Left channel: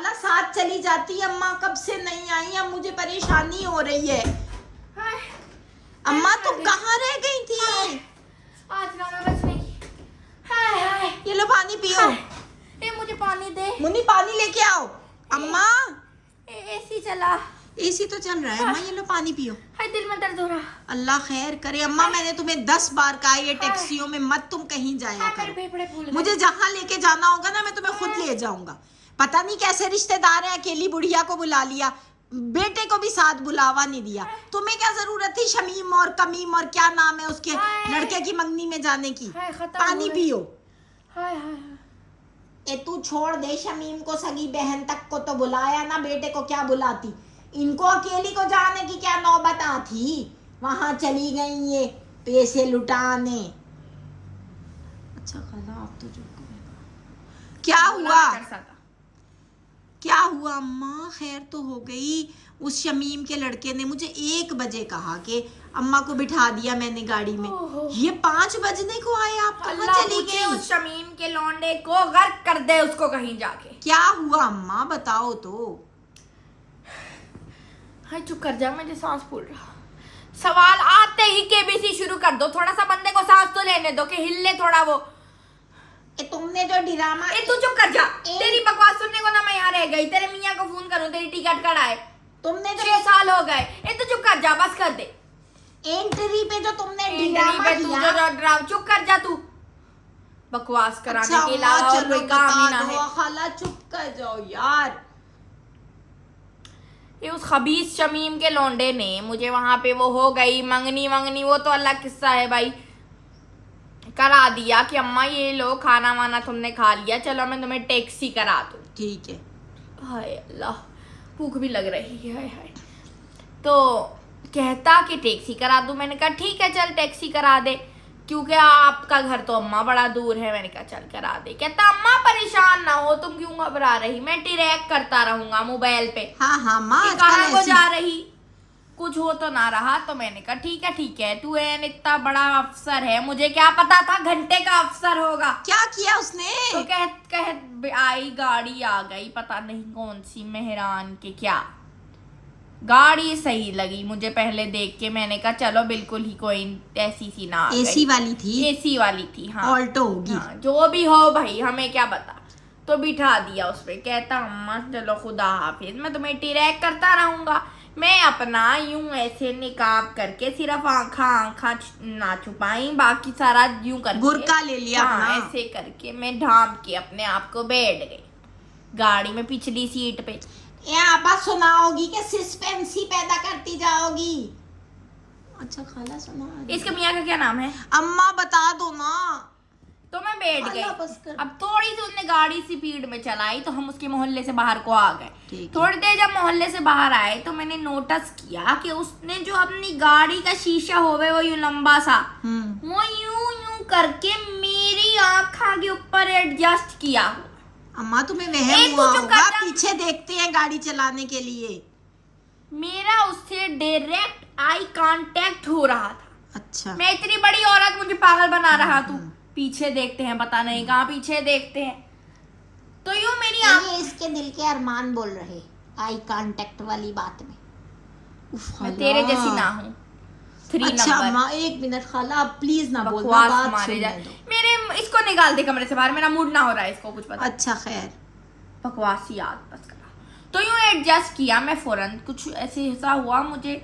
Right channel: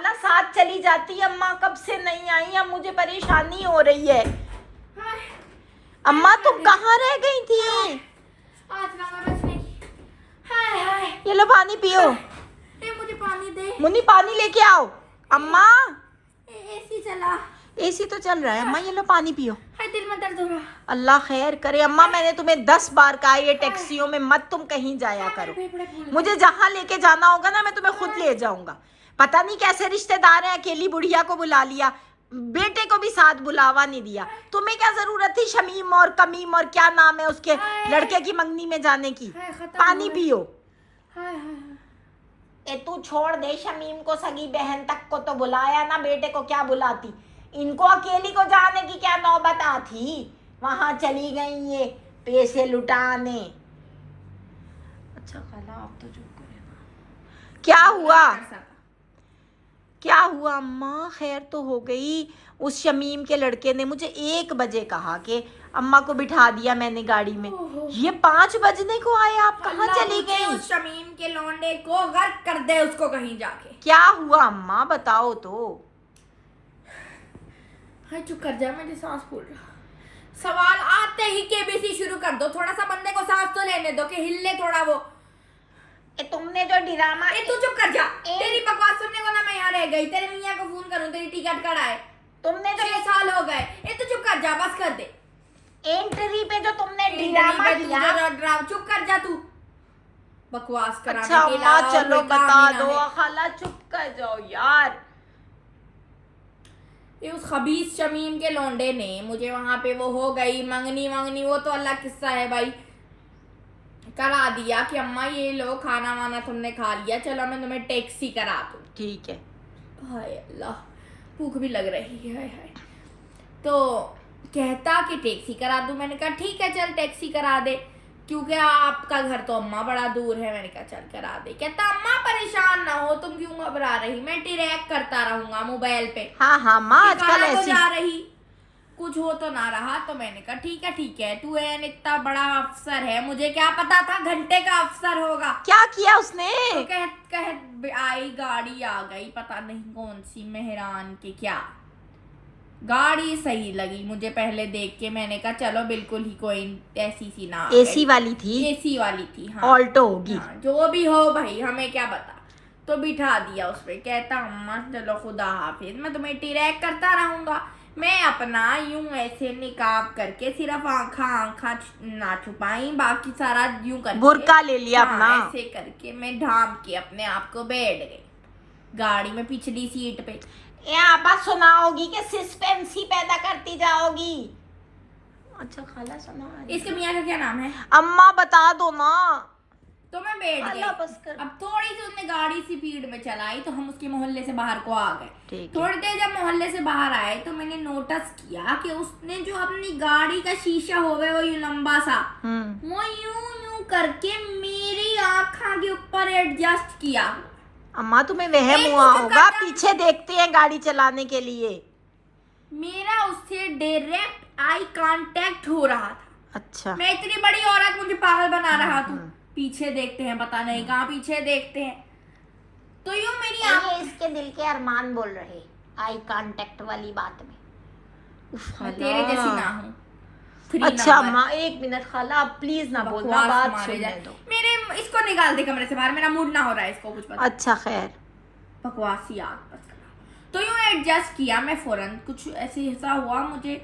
खाला साथ चली जाती। अम्मा कब से नहीं आई, अब मुझे परेशानी हो रही है। अम्मा तुम कहाँ रह गई थी? आज ना मैं बच नहीं। हाय हाय, ये लो पानी पियो। ए मुझे पानी दे। मुन्नी पानी लेके आओ। अम्मा एसी चला। एसी तो चल रहा है अम्मा, ये लो पानी पियो। हाय दिल में दर्द हो रहा। अल्लाह खैर करे। अम्मा मैंने तुम्हें 10 बार कहा ये टैक्सियों में मत तुम कहीं जाया करो। मुझे जहाँ लेके जाना होगा ना मैं तुम्हें खुद ले जाऊंगा। पता नहीं कैसे रिश्तेदार है, अकेली बुढ़िया को बुला लिया, बेटे को भी साथ बुलावा नहीं दिया। तुम्हें क्या जरूरत थी शमीम और कमीम और क्या नाम है उसके लड़के की मंगनी में जाने की? पानी पियो। ए तू छोड़ दे, शमीम को सगी बहन तक को तो बुलाया ना, बेटे को क्या बुलाती? इनको अकेली को जाने की क्या नौबत आती? वहां चली गई ये पैसे लुटाने। अच्छा खाला आप तो चुप करो। क्या हुआ? क्या हुआ अम्मा? खैर तो हो गई। उस शमीम के लड़के ने मुझे 1 बजे कहा कि अम्मा को बिठा दिया मैंने गाड़ी में। ये 5 बजने को आया। आप कहाँ चली गई? उस शमीम के लौंडे को गर्क कर दे उसको कहीं जाके। क्या हुआ अम्मा बताओ तो। हाय चुप कर जा, मुझे सांस फूल रहा। सवाल आते ही केबीसी शुरू कर दो। थोड़ा सा बंदे को सांस तो लेने दो कि हिले थोड़ा वो। तुमने जो ड्रामा तू चुप कर जा। तेरी बकवास सुनने को ना मैं यहाँ रह गई। तेरे मियाँ को फोन करूँ, तेरी टिकट कटाए। तुमने 6 साल हो गए। तू चुप कर जा, बस कर दे। एंट्री पे जो तुमने ड्रामा किया। चुप कर जा तू। बकवास कराने अच्छा, के अलावा चलो कोई काम ही ना बता दो। है। खाला चुप कर जाओ यार। ये उस खबीस शमीम के लौंडे ने मुझे वहां पे वो हो गई मंगनी वो तो अल्लाह किस्सा है भाई, करा दिया कि अम्मा ये लो खाना वाना तुमने खा लिया, चलो मैं तुम्हें टैक्सी करा दूं। ठीक है। हाय अल्लाह, भूख भी लग रही है। हाय तो कहता कि टैक्सी करा दूं। मैंने कहा ठीक है चल टैक्सी करा दे, क्योंकि आपका घर तो अम्मा बड़ा दूर है। मैंने कहा चल करा दे। कहता अम्मा परेशान ना हो, तुम क्यों घबरा रही, मैं ट्रैक करता रहूंगा मोबाइल पे। हाँ माँ कहाँ को जा रही, कुछ हो तो ना रहा। तो मैंने कहा ठीक है तू एन इतना बड़ा अफसर है, मुझे क्या पता था घंटे का अफसर होगा। क्या किया उसने? तो कह आई गाड़ी आ गई, पता नहीं कौन सी मेहरान के क्या गाड़ी सही लगी मुझे पहले देख के। मैंने कहा चलो बिल्कुल ही कोई ऐसी सी ना। एसी वाली थी? एसी वाली थी हाँ। ऑल्टो होगी हाँ, जो भी हो भाई हमें क्या पता। तो बिठा दिया उस पे। कहता अम्मा चलो खुदा हाफिज, मैं तुम्हें ट्रैक करता रहूंगा। मैं अपना यूं ऐसे निकाब करके सिर्फ आँखा ना छुपाई, बाकी सारा यूं करके बुर्का ले लिया अपना। ऐसे करके मैं ढांप के अपने आप को बैठ गई गाड़ी में पिछली सीट पे। यहाँ बस सुनाओगी कि सस्पेंस ही पैदा करती जाओगी। अच्छा खाला सुना। इसके मियाँ का क्या नाम है? अम्मा बता दो ना। तो मैं बैठ गई। अब थोड़ी सी उसने गाड़ी स्पीड में चलाई तो हम उसके मोहल्ले से बाहर को आ गए। थोड़ी देर जब मोहल्ले से बाहर आए तो मैंने नोटिस किया कि उसने जो अपनी गाड़ी का शीशा होवे वो यूं लंबा सा वो यूं करके मेरी आँखा के ऊपर एडजस्ट किया। अम्मा तुम्हें वहम हुआ होगा, पीछे देखते हैं गाड़ी चलाने के लिए। मेरा उससे डायरेक्ट आई कांटेक्ट हो रहा था। अच्छा। मैं इतनी बड़ी औरत, मुझे पागल बना रहा तू। पीछे देखते हैं, पता नहीं कहाँ पीछे देखते हैं। तो यूं मेरी ये इसके दिल के अरमान बोल रहे आई कांटेक्ट वाली बात में। मैं तेरे जैसी ना हूँ। अच्छा माँ 1 मिनट खाला प्लीज ना बोलना, बात सुनने दो। मेरे इसको निकाल दे कमरे से बाहर, मेरा मूड ना हो रहा है इसको कुछ पता। अच्छा खैर बकवास याद बस करा। तो यूं एडजस्ट किया मैं फौरन। कुछ ऐसे ऐसा हुआ मुझे,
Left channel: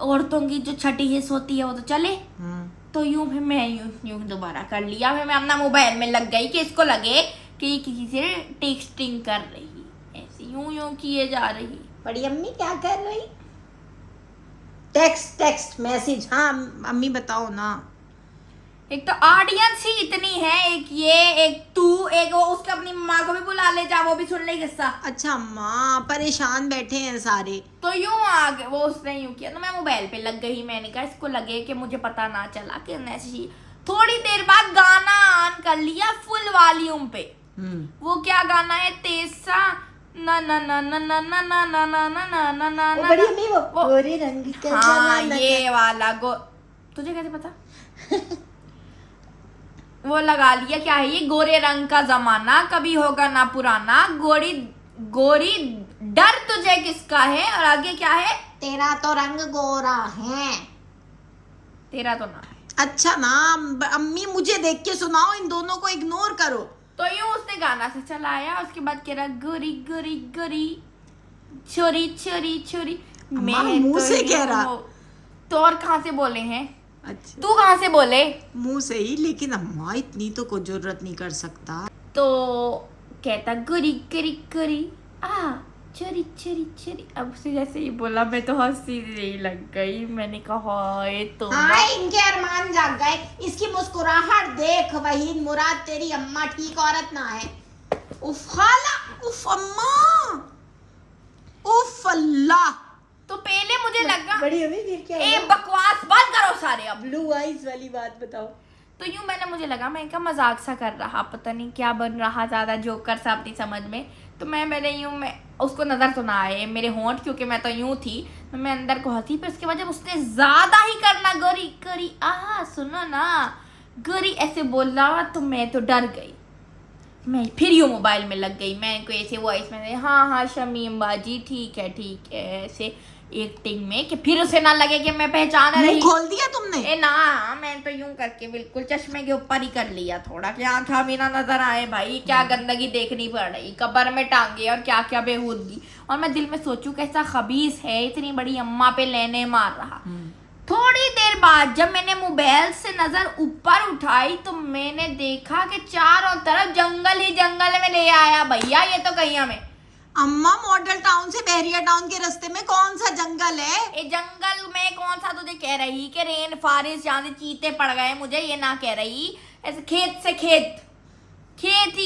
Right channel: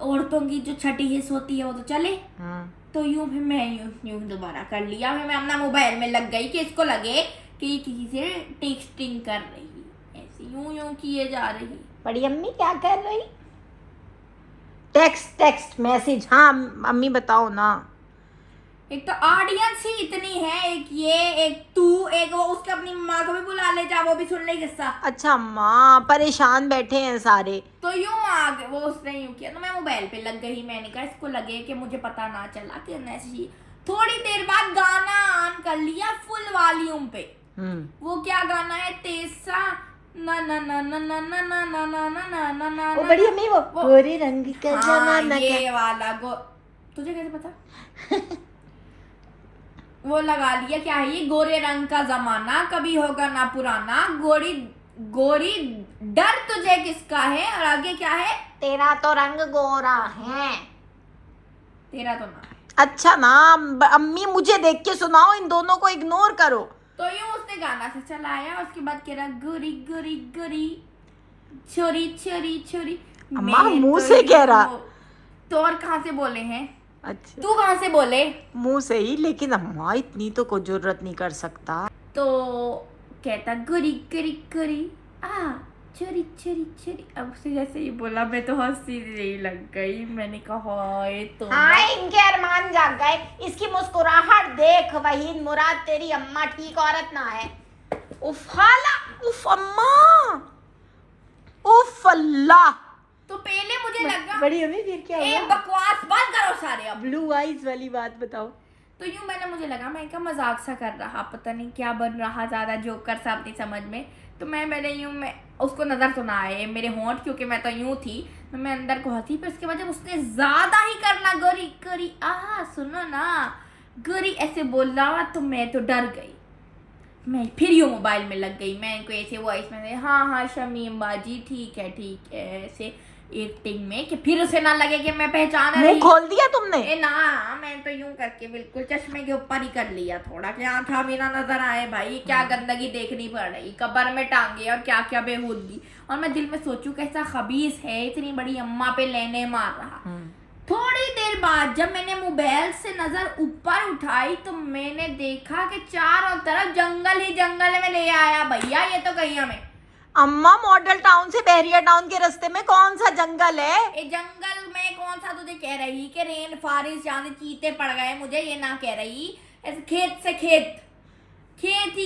औरतों की जो छठी हिस्स होती है वो तो चले। तो यूं फिर मैं यूं दोबारा कर लिया। फिर मैं अपना मोबाइल में लग गई कि इसको लगे कि किसी से टेक्सटिंग कर रही, ऐसे यूं किए जा रही। बड़ी अम्मी क्या कर रही? Text message. हाँ अम्मी बताओ ना। एक तो ऑडियंस ही इतनी है, एक ये एक तू, एक वो, उसके अपनी माँ को भी बुला ले जा, वो भी सुन ले किस्सा। अच्छा माँ परेशान बैठे हैं सारे। तो यूं आ गए, वो उसने यूं किया तो मैं मोबाइल पे लग गई। मैंने कहा इसको लगे कि मुझे पता ना चला कि ऐसी। थोड़ी देर बाद गाना ऑन कर लिया फुल वॉल्यूम पे। वो क्या गाना है, तेसा ना ना ना ना ना ना ना ना ना ना ना ना ना ना वो गोरे रंग का। हाँ ये वाला तुझे कैसे पता? वो लगा लिया। क्या है ये? गोरे रंग का जमाना कभी होगा ना पुराना, गोरी गोरी डर तुझे किसका है? और आगे क्या है? तेरा तो रंग गोरा है। तेरा तो ना है। अच्छा ना, अम्मी मुझे देख के सुनाओ, इन दोनों को इग्नोर करो। तो यूं उसने गाना से चलाया, उसके बाद कह रहा गोरी गोरी गोरी छोरी छोरी छोरी। अम्मा मुंह से कह रहा। तो और कहाँ से बोले हैं? अच्छा तू कहाँ से बोले? मुंह से ही, लेकिन अम्मा इतनी तो कोई जरूरत नहीं कर सकता। तो कहता गोरी गोरी गोरी आ चोरी चोरी चोरी। अब से जैसे ही बोला मैं तो हंसी नहीं लग गई। मैंने कहा ये तो हाँ, इनके अरमान जाग गए। इसकी मुस्कुराहट देख वहीद मुराद, तेरी अम्मा ठीक औरत ना है। उफ खाला, उफ अम्मा, उफ अल्लाह। तो पहले मुझे लगा बड़ी अम्मी फिर क्या ए बकवास बंद करो सारे। अब ब्लू आइज वाली बात बताओ। तो यूं मैंने मुझे लगा मैं क्या मजाक सा कर रहा, पता नहीं क्या बन रहा, ज्यादा जोकर सा अपनी समझ में। तो मैंने यूं, मैं उसको नजर तो ना आए मेरे होंठ, क्योंकि मैं तो यूं थी, तो मैं अंदर को हंसी। फिर उसके बाद जब उसने ज्यादा ही करना गोरी गोरी आ सुनो ना गोरी ऐसे बोल रहा, तो मैं तो डर गई। मैं फिर यूं मोबाइल में लग गई। मैं को ऐसे वॉइस में हाँ शमीम बाजी ठीक है ऐसे एक्टिंग में, कि फिर उसे ना लगे कि मैं पहचान रही। खोल दिया तुमने? ए ना, मैं तो यूं करके बिल्कुल चश्मे के ऊपर ही कर लिया थोड़ा, कि आंखा भी ना नजर आए। भाई क्या गंदगी देखनी पड़ रही, कब्र में टांगे और क्या क्या बेहूदगी। और मैं दिल में सोचूं कैसा खबीस है, इतनी बड़ी अम्मा पे लेने मार रहा। थोड़ी देर बाद जब मैंने मोबाइल से नजर ऊपर उठाई तो मैंने देखा कि चारों तरफ जंगल ही जंगल में ले आया। भैया ये तो कहीं हमें अम्मा मॉडल टाउन से बहरिया टाउन के रास्ते में कौन सा जंगल है? ये जंगल में कौन सा तुझे कह रही कि रेन फॉरेस्ट जहाँ से चीते पड़ गए, मुझे ये ना कह रही। ऐसे खेत से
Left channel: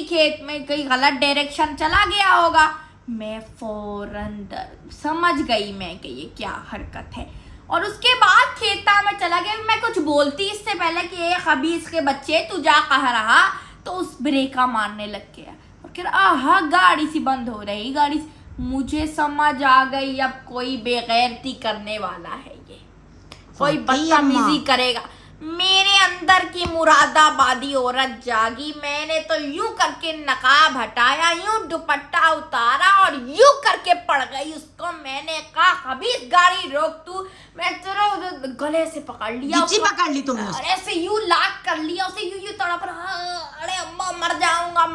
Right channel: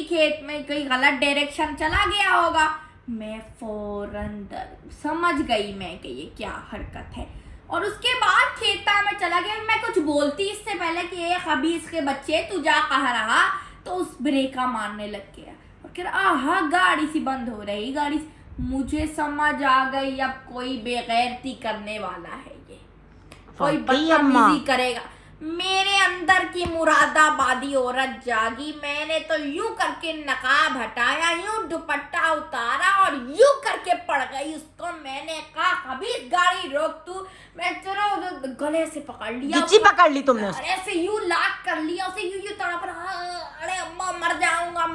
खेत में कहीं गलत डायरेक्शन चला गया होगा। मैं फौरन समझ गई मैं कि ये क्या हरकत है। और उसके बाद खेता में चला गया। मैं कुछ बोलती इससे पहले कि ये खबीस के बच्चे तू जा कहा रहा, तो उस ब्रेका मारने लग गया। और फिर आहा गाड़ी सी बंद हो रही, गाड़ी मुझे समझ आ गई अब कोई बेगैरती करने वाला है, ये कोई बदतमीजी करेगा। मेरे अंदर की मुरादाबादी औरत जागी। मैंने तो यूं करके नकाब हटाया, यूं दुपट्टा उतारा और यूं करके पड़ गई उसको। मैंने कहा कभी गाड़ी रोक तू। मैं तेरे गले से पकड़ लिया, पकड़ ली तुमने? ऐसे यूं लाक कर लिया उसे, यूं तड़प रहा। अरे अम्मा मर जाऊंगा,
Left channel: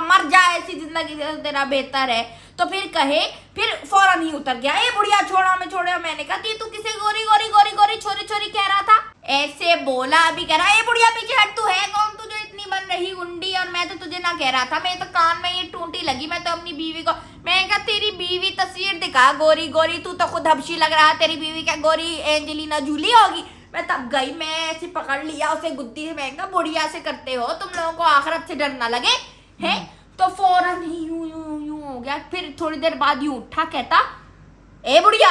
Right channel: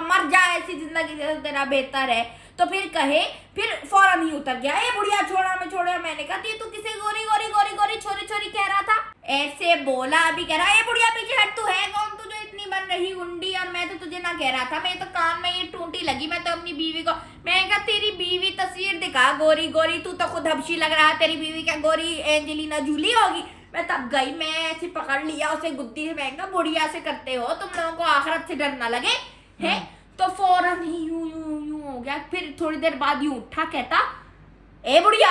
मर जा, ऐसी जिंदगी तेरा बेहतर है। तो फिर कहे, फिर फौरन ही उतर गया। ए बुढ़िया छोड़ा मैं छोड़ा। मैंने कहा तू किसे गोरी गोरी गोरी गोरी छोरी छोरी कह रहा था? ऐसे बोला। अभी कह रहा ए बुढ़िया पीछे हट, तू है कौन, तुझे इतनी बन रही गुंडी? और मैं तो तुझे ना कह रहा था, मैं तो कान में ये टूंटी लगी। मैं तो अपनी बीवी को, मैं कहा तेरी बीवी तस्वीर दिखा गोरी गोरी, तू तो खुद हबशी लग रहा है। तेरी बीवी क्या गोरी एंजेलिना जूली होगी? मैं तब गई, मैं ऐसे पकड़ लिया उसे गुद्दी से। मैं कहा बुढ़िया से करते हो तुम लोगों को, आखिरत से डर ना लगे है? तो फौरन ही यूं यूं यूं हो गया। फिर थोड़ी देर बाद यूं उठा, कहता ए बुढ़िया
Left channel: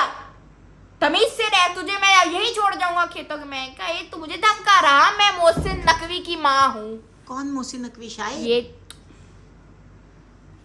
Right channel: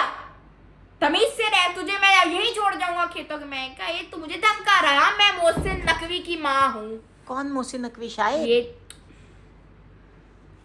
तमीज से रह, तुझे मैं यही छोड़ जाऊंगा खेतों के। मैं कहा ये तू मुझे धमका रहा? मैं मोहसिन नकवी की माँ हूँ। कौन मोहसिन नकवी? शायद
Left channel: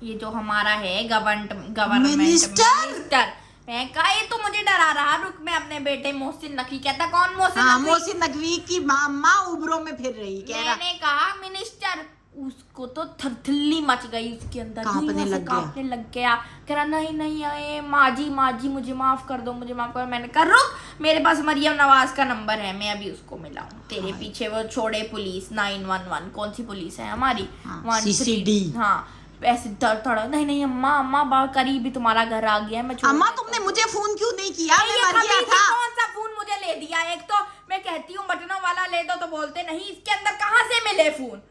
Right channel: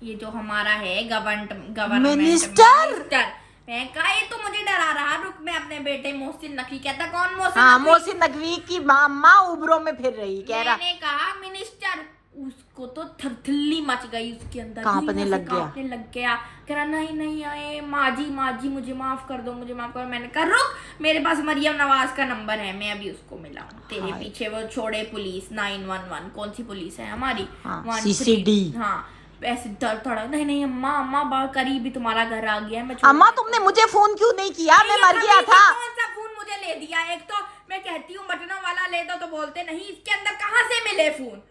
ये जो हमारा है गवर्नमेंट मिनिस्टर। मैं कहा ये तो मुझे डरा रहा। रुक, मैं अपने बेटे मोहसिन नकवी। कहता कौन मोहसिन? हाँ, मोहसिन नकवी की माँ उबरों में फिर रही। कह रहा मैंने कहा मिनिस्टर। उसको तो थरथल्ली मच गई उसके अंदर, कांपने लग गया। कह रहा नहीं आए माजी मुझे माफ कर दो, मुझे माफ करो। मैंने कहा रुक, मेरे पास मरियम नवाज का नंबर है, मैं अभी उसको मिलाऊं। तेरे पीछे वो छोड़े पुलिस 911। कौन सी पुलिस है हमारी? CCD। हाँ, ऐसे थोड़ा नहीं अम्मा करीब ही तुम्हारा घर आ गया है। अम्मा तुमने मुझे फोन क्यों नहीं किया? मैं मर गया था। कौन सा फोन मुझे ले दिया? एक तो मैं कहती हूँ बटनों वाला ले दो तो बोलते नहीं। इसके अंदर कहाँ से मिले फोन?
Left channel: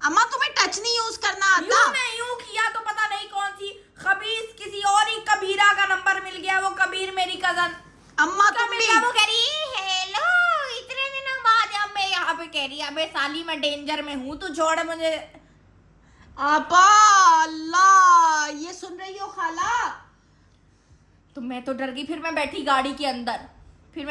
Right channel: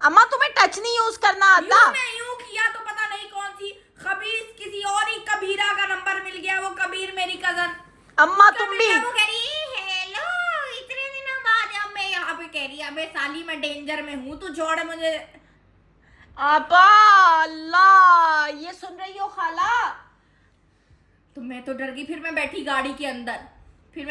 अम्मा तुम्हें टच नहीं यूज करना आता? मैं यूं किया तो पता नहीं कौन सी खबीस किसी और ही कबीरा का नंबर मिल गया। वो कबीर मेरी कजन। अम्मा तुम भी वो कह रही हेलो इतने दिनों बाद। अब मैं यहाँ पे कह रही अबे साली मैं डेंजर में हूँ, तू छोड़ मुझे। आपा अल्लाह, ये सुन रही हो खाला? तो मैं तो डर गई। फिर मैं बैठी गाड़ी के अंदर, फिर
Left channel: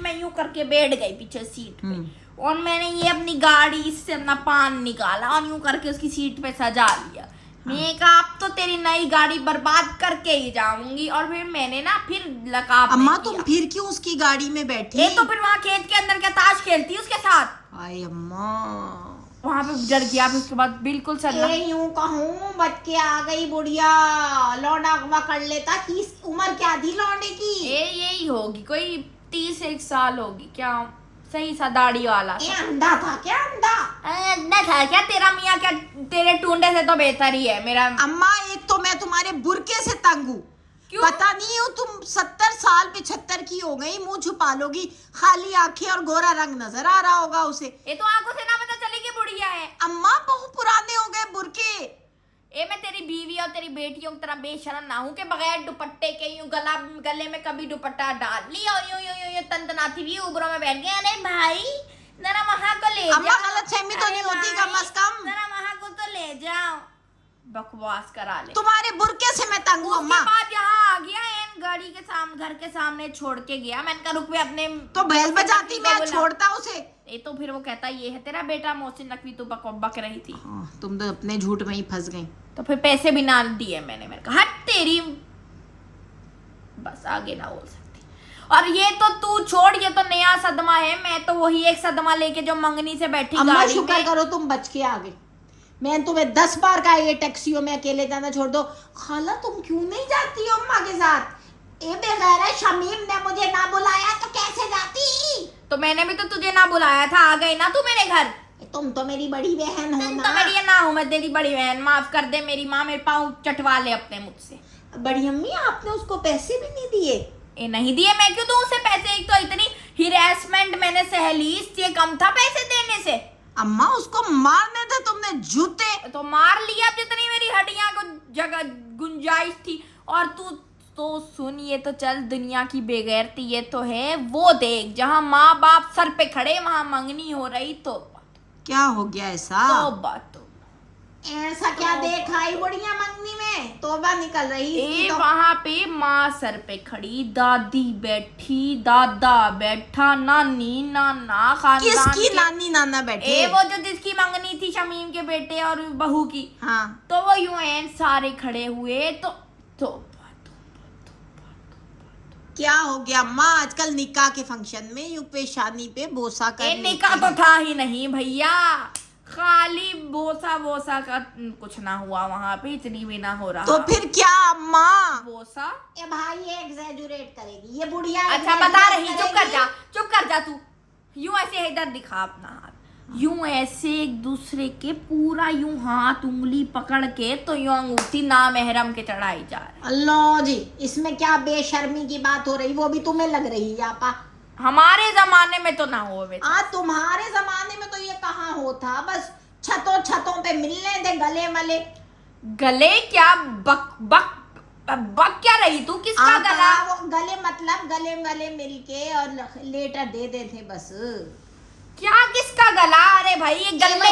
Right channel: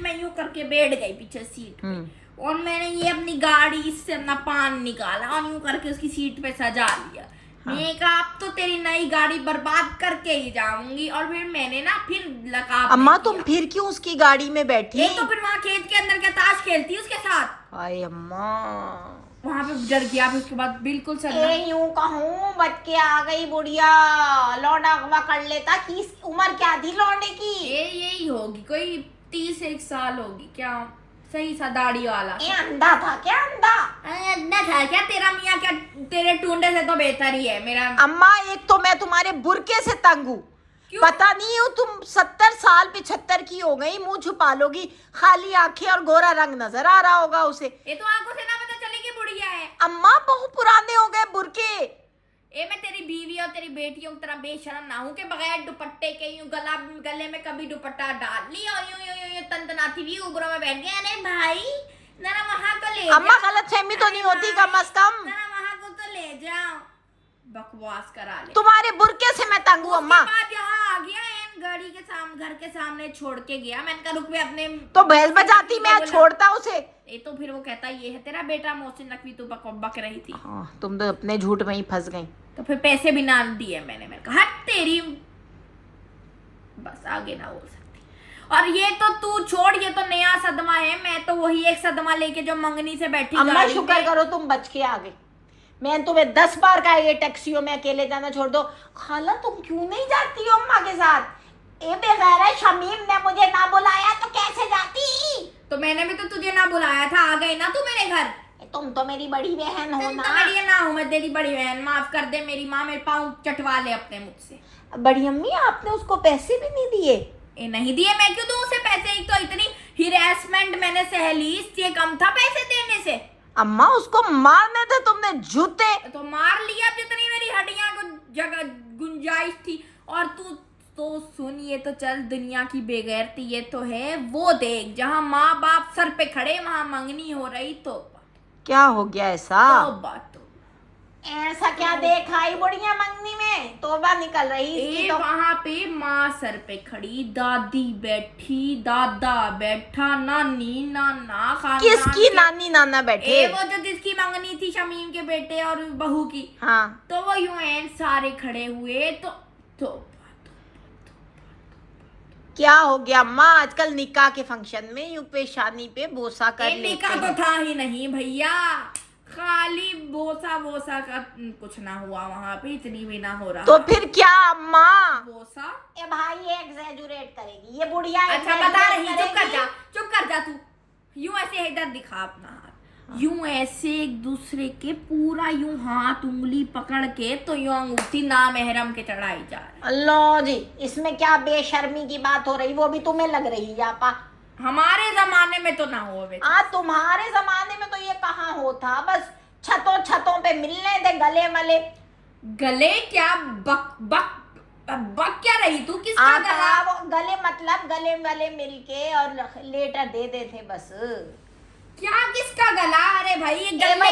मैं यूं करके बैठ गई पीछे सीट पे। और मैंने ये अपनी गाड़ी से अपना पान निकाला और यूं करके उसकी सीट पे सजा लिया। मैंने कहा अब तो तेरी नई गाड़ी बर्बाद करके ही जाऊंगी। और फिर मैंने ना फिर लगा। अम्मा तुम फिर क्यों उसकी गाड़ी में बैठी? तो फिर वहाँ खेत के अंदर क्या ताश खेलती उसके साथ? हाय अम्मा, वहां पे डर गया, फिर उसके बाद बिल्कुल सदमा। यूं कहूँ बच के आ गई बुढ़िया, लौंडा अगवा कर लेता। की उम्र क्या थी लौंडे की? यही होगी, कोई 30 साल होगी क्या, सही सा दाढ़ी वाला। ये अंधा था क्या? अंधा था क्या तेरा मियाँ? क्या तेरे टूंडे से तो बेहतर ही है मेरा। अम्मा एक तो मैं तुम्हारे बुरके से तंग हूँ, पता नहीं हो तुम 70 साल 75 की हो गई, मुंह छुपा लोगी, खाली आंखें और गोरा रंग नजर आ रहा होगा उसे। ये तो आंखों से ना पता चलेगी बुढ़िया है। अम्मा बहुत पुराने हो गए बुरके। मैं तेरी बीवी और तेरी बेटियों की तरह बेशरम ना हूँ कि बगैर दुपट्टे के यूं गले में कभी दुपट्टा डाल लिया और यूं तनतनाती हुई उबरों में बैठ गए। अरे भाई जरा वहां को ले अम्मा गलतफहमी तो नहीं होती कम से कम? जरा वहां को तो ले जाओ, बकवास करा ले। तुम्हारे बुरके से मैं तंग हूँ अम्मा। उसके बाद यहाँ आ गया गाड़ी के सामने, घर के सामने छोड़ के गया। मैंने कहा रुक भी अपने तो भैंस बजाती मैं छोड़ता उसे। ये तो फिर वो कहता ये है तेरा बेटा, मोहसिन नकवी तू बक रही थी। तुम तो अपने झूठ में ही फंस गई। तो फिर पैसे भी ना दिए मैंने कहा हट तेरी, बस आगे ना बोल सकती। और ये तो तू छोड़, ये तो नया सदमा है, मैं तो वही एक सदमा लेके जो मंगनी से बैठी अम्मा शुक्र करो तुम बच के आ गए। मैं तुम्हें 10 बार कहा ये टैक्सियों में अकेले जाना छोड़ दो। खाला तुम क्यों नहीं जाती हो अम्मा के साथ? ए बेगैर शमीम ने मुझे ना बुलाया तो कैसे जाती? तो मैंने भी तो तुझे ना बुलाया था, आ गई ना तू मेरे घर। तुम तो मेरी बड़ी बहन हो ना। तो मेरी ना हूँ मैं तेरी बड़ी बहन, माफ कर दे मेरी माँ, मेरे पाँव चटवा ले अपने मुझसे। बड़ी अम्मी आपने उसको पैसे भी नहीं दिए? ये नहीं दिए, मैं क्यों दूं उसे पैसे? एक तो इतनी हिरासमेंट मैंने सहली, इससे कम था पैसे देने से। अम्मा उसको मारने थे तुमने जूते। तो मार लिया जितनी मेरी हड्डियां को जगह गुंजाइश थी। और तू तो सुन, ये तो चल दुनिया की बेगैरती ये तो है, वो देख जहाँ माँ बाप सर पे खड़े वहां मंगनी हो रही। तो क्या हो गया ऐसा? ऐसा क्या देखा ही बुढ़िया मंगनी में? तोबा निकल रही तो वहां पे माँ सर पे खड़ी, दादी बैठी, दादा बैठा, नानी नाना खानदान। किसकी नानी नाना बैठे? वो जो जिसकी मंगनी थी शमीम के बेटे और बहू की। हाँ तो वो यूं सारे खड़े हुए। तो क्या हो गया अम्मा? आजकल निकाह के फंक्शन में यूं पेशानी पे बोसा कर निकाह तो था ही नहीं भैया, खाली बोसा का कुछ ना हुआ वहाँ पे, इतनी भी ना हो रहा। तो फिर क्या अम्मा? बोसा ए भाई ये एग्जैजुरेट करेगी ये बुढ़िया। अच्छा बता रही, चुप कर जा तू। यूं ऐसे इधर दिखा अपना हाथ, यूं ऐसे एक दूसरे के पूरा यूं हाथ उंगली पकड़ के तो यूं अंगूठी नामहरम के चढ़ाई जा रही। अल्लाह जी, इसमें क्या बेशर्मी की बात हो रही? वो भी तुम्हें लग रही है आपा? हमारे जमाने में तो ना हो। तुम्हारे जमाने में तो ये कहाँ होता? बस छतों पे मिलने दे गले मले। गले क्या बक क्या रही तू? किसका गला? वो गले मतलब गले मिलके और लेटर दे दे थे बस। क्या किसका गला? अरे भाई ये गले,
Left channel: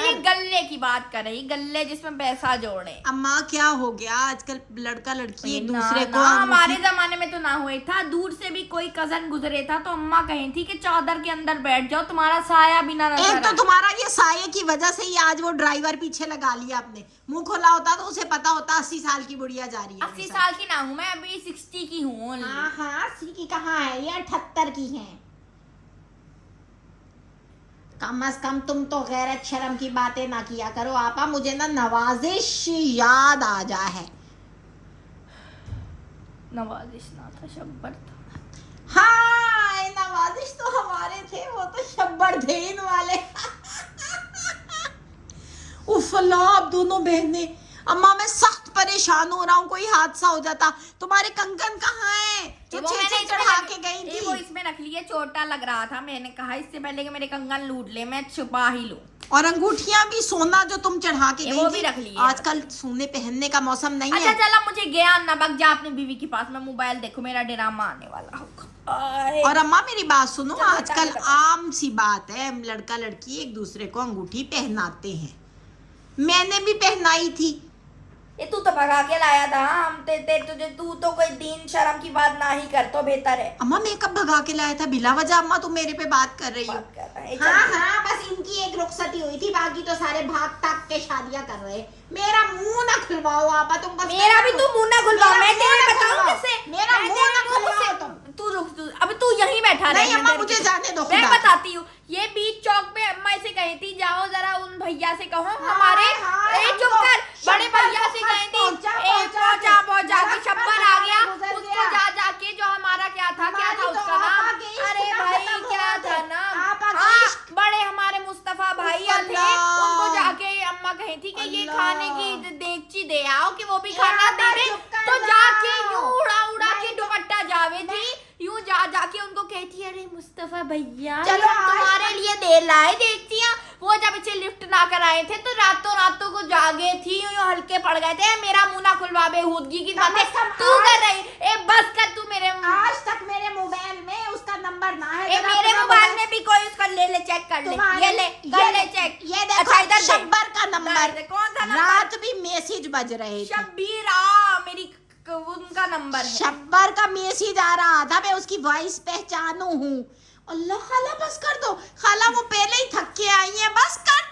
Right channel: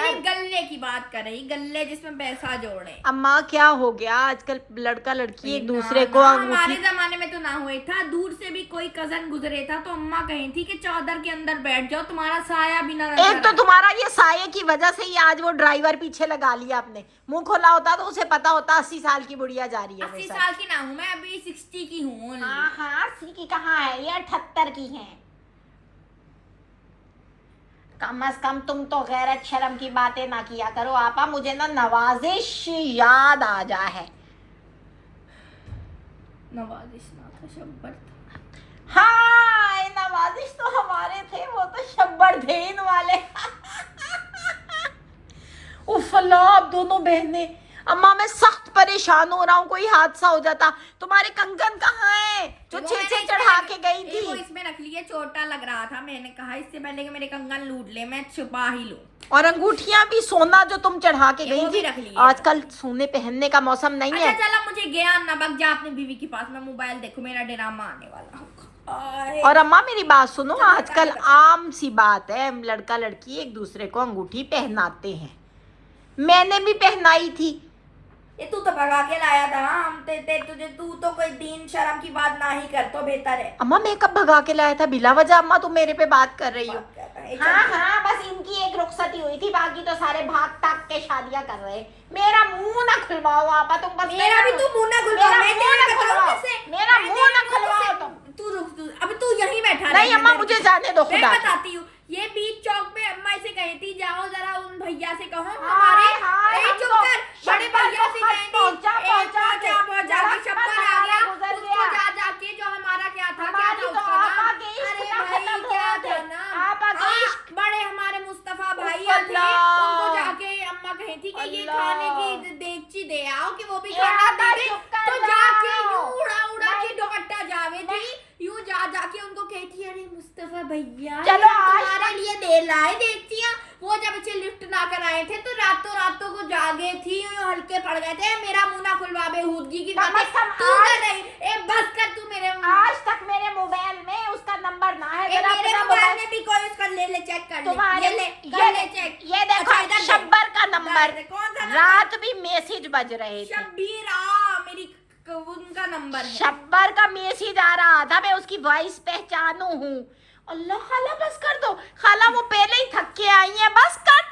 ये गले की बात कर रही, गले जिसमें पैसा जोड़े। अम्मा क्या हो गया आजकल लड़का लड़की एक दूसरे को? हमारे जमाने में तो ना हुए था, दूर से भी कोई कजन गुजरे था तो अम्मा कही थी कि चादर के अंदर बैठ जाओ, तुम्हारा साया भी ना नजर। एक तो तुम्हारा ये साये की वजह से ही आज वो ड्राइवर पीछे लगा लिया आपने। मुंह खोला होता तो उसे पता होता 80 साल की बुढ़िया जा रही है। 80 साल की ना हूँ मैं, अभी 60 की हूँ। हाँ 80 की कहाँ है, ये 78 की है। कम से कम तुम तो गैरत शर्म की बातें ना किया करो आपा। मुझे ना नवाजिश याद आ जा है। नवाजिश ना था, शब्बर था। हाँ नवाजिश तो हमारे थे, वो तो शब्बर थे इन वाले। उफ अल्लाह, आप दोनों बहनें। अम्मा मैं सख्त परेशान हो रहा हूँ, कोई हादसा हो जाता। तुम्हारे कंगन कहाँ है जो छे चढ़ा के गई थी? वो इसमें रख लिए, छोटा लग रहा था, मैंने कहा इससे पहले कि मेरे कंगन लूट ले मैं छुपा ही लूं। और अंगूठियां भी, सोना जो तुम चढ़ा के गई थी, रख लिए। आजकल सोने पहनने का मौसम नहीं है। अच्छा चला मुझे ज्ञान ना बक, जा अपनी बीवी के पास, मैं मोबाइल देखूं, मेरा ड्रामा आने वाला होगा। और अम्मा मेरी बात सुनो, आजकल आम सी बात है, लड़का लड़की एक दूसरे को अंगूठी पहनाते हैं। मैंने भी पहनाई थी। ये तू तो भगा के लाया था। हम तुझे तू तो कोई दीन शर्म की बात ना ही कर तो बेहतर है। अम्मा मैं कब भगा के लाया था बिला वजह? अम्मा तुम मेरे पे बात कर रही हो। हाँ बस इनकी एक रुखसती हुई थी, बाकी तो सारे भाग ताक के शादियां कर रहे। मेरा मुंह ना खुलवाओ आपा तुम बस। मेरा भी तू मुंह ना खुलवाओ, मैं तेरे बताऊं किससे? मेरा मुंह ना खुलवाओ तुम। तू रुक, अभी तू यहीं बैठा रह। नहीं अम्मा मुझे जाने दो, मैं बताती हूँ। ये बीच चौक पे अम्मा इसे कही भैया से कहो हमारे चुप कर, बड़े भैया से कहेंगे पहुंचा के शब्बर आ गया, उसको जा जाके जो हमारा क्या था उसका नाम, अरे भाई क्या था नाम, बड़े हमारे मुस्तफा भाई थे, उनको जाके अम्मा कही थी कि ये खाने की देगची दे आओ कि वो भी खाना दे दे, तो जाके यूं उड़ा उड़ा के दुपट्टा जावे थी, यूं जा जाके उनको कहती अरे मुस्तफा भैया तुम्हारे लिए दे लाए देखतियां, वो जब इसे लिफ्ट ना कराए थे तो रातों को जागे थी, यूं हल्के पड़ गए थे, मेरा मुंह ना खुलवा बेहूदगी की बातें तू कर रही, ए बस कर तू, मेरे आज तक मेरे मोबाइल में उसका नंबर ना है, मेरे मोबाइल में भी कोई उसका ले चेक कर ले, ये ले कर ले चेक, ये देखो अच्छा इधर शब्बर का नंबर, कौन सा रात भी मैसेज बज रहे थे, शब्बीर मेरी उनका नंबर है, शब्बर का मैसेज आ रहा था, मैं उसकी वॉइस पहचानू हूँ। अल्लाह खाला बस कर दो, खाला वो पहले ही थक के आई है, बस कर